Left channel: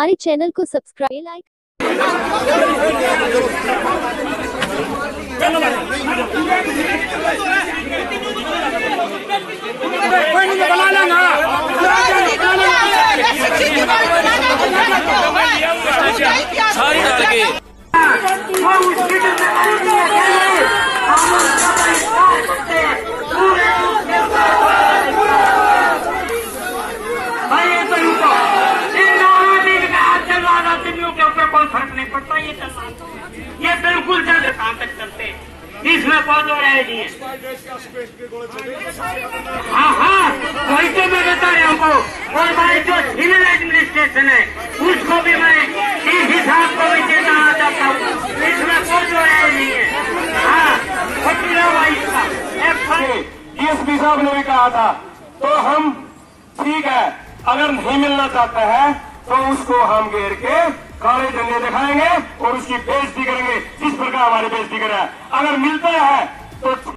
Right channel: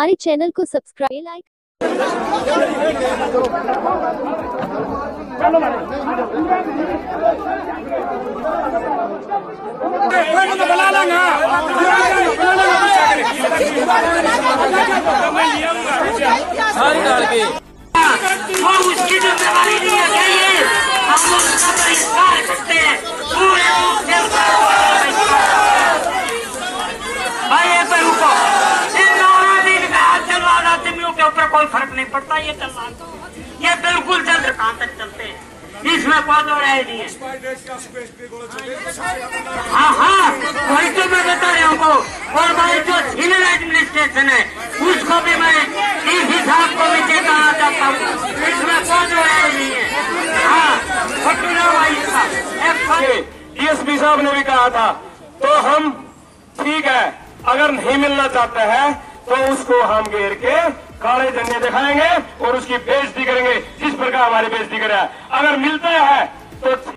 हमारे चैनल को subscribe like वो उसकी जिम्मेदारी नहीं है क्या ये? हम उसका बहिष्कार करते हैं पूरे भाई पे रुको। इन हाथ चलवा आदमियों के ऊपर कोई फर्क नहीं पड़ता। ये चलवा ये बिल्कुल चल कहाँ तक चलते हैं, इसमें कोई दो राय नहीं है। हाँ हाँ वही तो मैं बता रहा हूँ। और हमारी जो सिविल एडमिनिस्ट्रेशन है उसको भी मैं इस हिसाब को भी चेतना चाहता हूँ, इसमें कोई दो राय नहीं है। हाँ डीएसपी साहब ने भी कहा था, तो हम ठीक है अगर नहीं मिलना चाहता है तो उसको हम घेर के काले झंडे दिखाएंगे और उसकी बेइज्जती करेंगे जिस प्रकार हमारी बेइज्जती करे। अगर मिलता है तो उसको